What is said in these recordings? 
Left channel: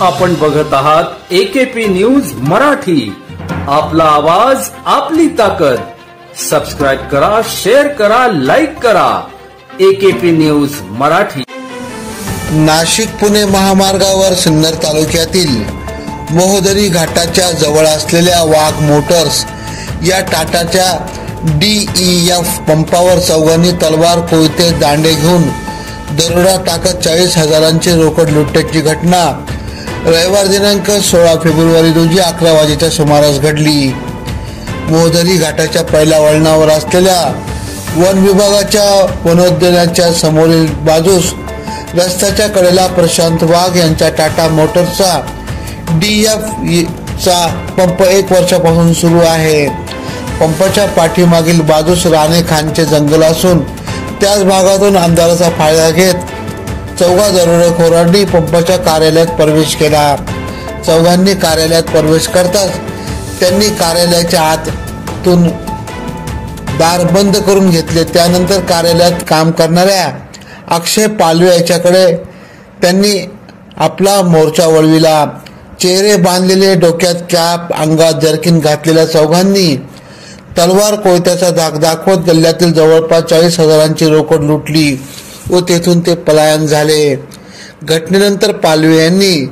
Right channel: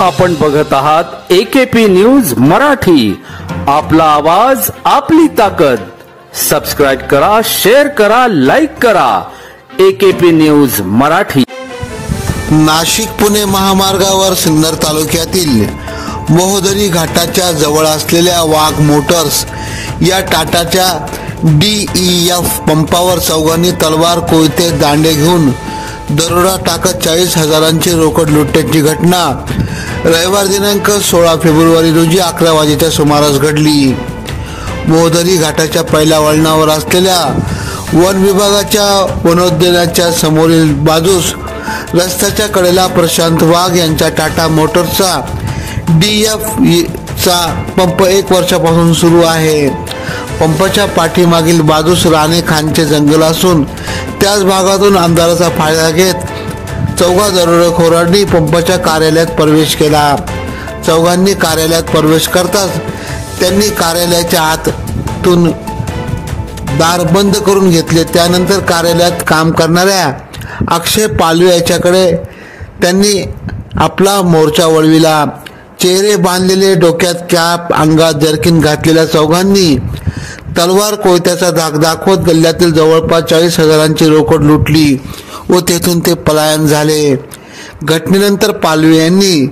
आपण बघत आहात एकेपी न्यूज मराठी। आपला आवाज आपली ताकद। सबस्क्राइब करा, शेअर करा, लाईक करा। AKP news Marathi. नाशिक पुणे महामार्गावर सिन्नर तालुक्यातील मोहदरी घाटाच्या जवळ असलेल्या वाघ मोटर्स या टाटाच्या DEF पंपावर चौघांनी तलवार, कोयते, दांडे घेऊन दरोडा टाकत 40,000ची रोकड लुटण्याची घटना रविवार दिनांक 16 फेब्रुवारी रोजी 11 वाजेच्या सुमारास घडली। मोहदरी घाटाच्या पहिल्या वळणावर असलेल्या वन विभागाच्या वनोद्यानाच्या समोरील बाजूस रस्त्याच्या कडेला प्रशांत वाघ यांच्या टाटा मोटर्सचा DEF चा पंप 1 वर्षापासून सुरू आहे। पंपाच्या पाठीमागील बाजूस राणे खानचे जंगल असून त्याच भागातून अंधाराचा फायदा घेत चौघा दरोडेखोरांनी पंपाच्या कार्यालयात प्रवेश केला। चौघांनी कार्यालयात प्रवेश करताच त्यांनी कार्यालयाच्या आतून दार बंद करून घेतले। त्यानंतर कार्यालयात काम करणाऱ्या अक्षय पालवे याच्याकडे त्यांनी आपला मोर्चा वळविला। चेहरे बांधलेले, डोक्यात कॅप, अंगात जर्किन घातलेल्या चौघांनी तलवार, कोयत्याचा धाक दाखवत गल्ल्यातील जवळपास 40,000ची रोकड लुटली व तेथून ते पलायन झाले। घटनेनंतर पालवे यांनी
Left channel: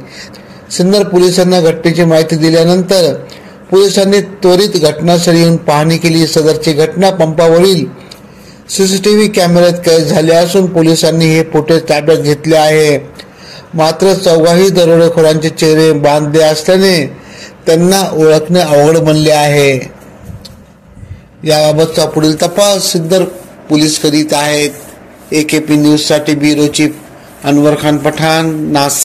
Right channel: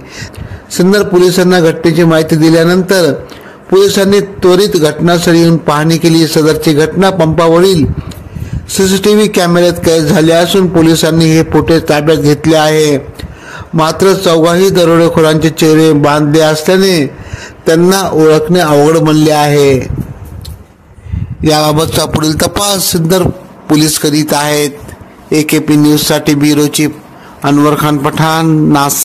सिन्नर पोलिसांना घटनेची माहिती दिल्यानंतर पोलिसांनी त्वरित घटनास्थळी येऊन पाहणी केली। सदरची घटना पंपावरील CCTV कॅमेऱ्यात कैद झाली असून पोलिसांनी हे फुटेज ताब्यात घेतले आहे। मात्र चौघाही दरोडेखोरांचे चेहरे बांधले असल्याने त्यांना ओळखणे अवघड बनले आहे। याबाबतचा पुढील तपास सिन्नर पोलीस करीत आहेत। एकेपी न्यूज साठी ब्युरो चीफ अनवर खान पठाण, नाशिक।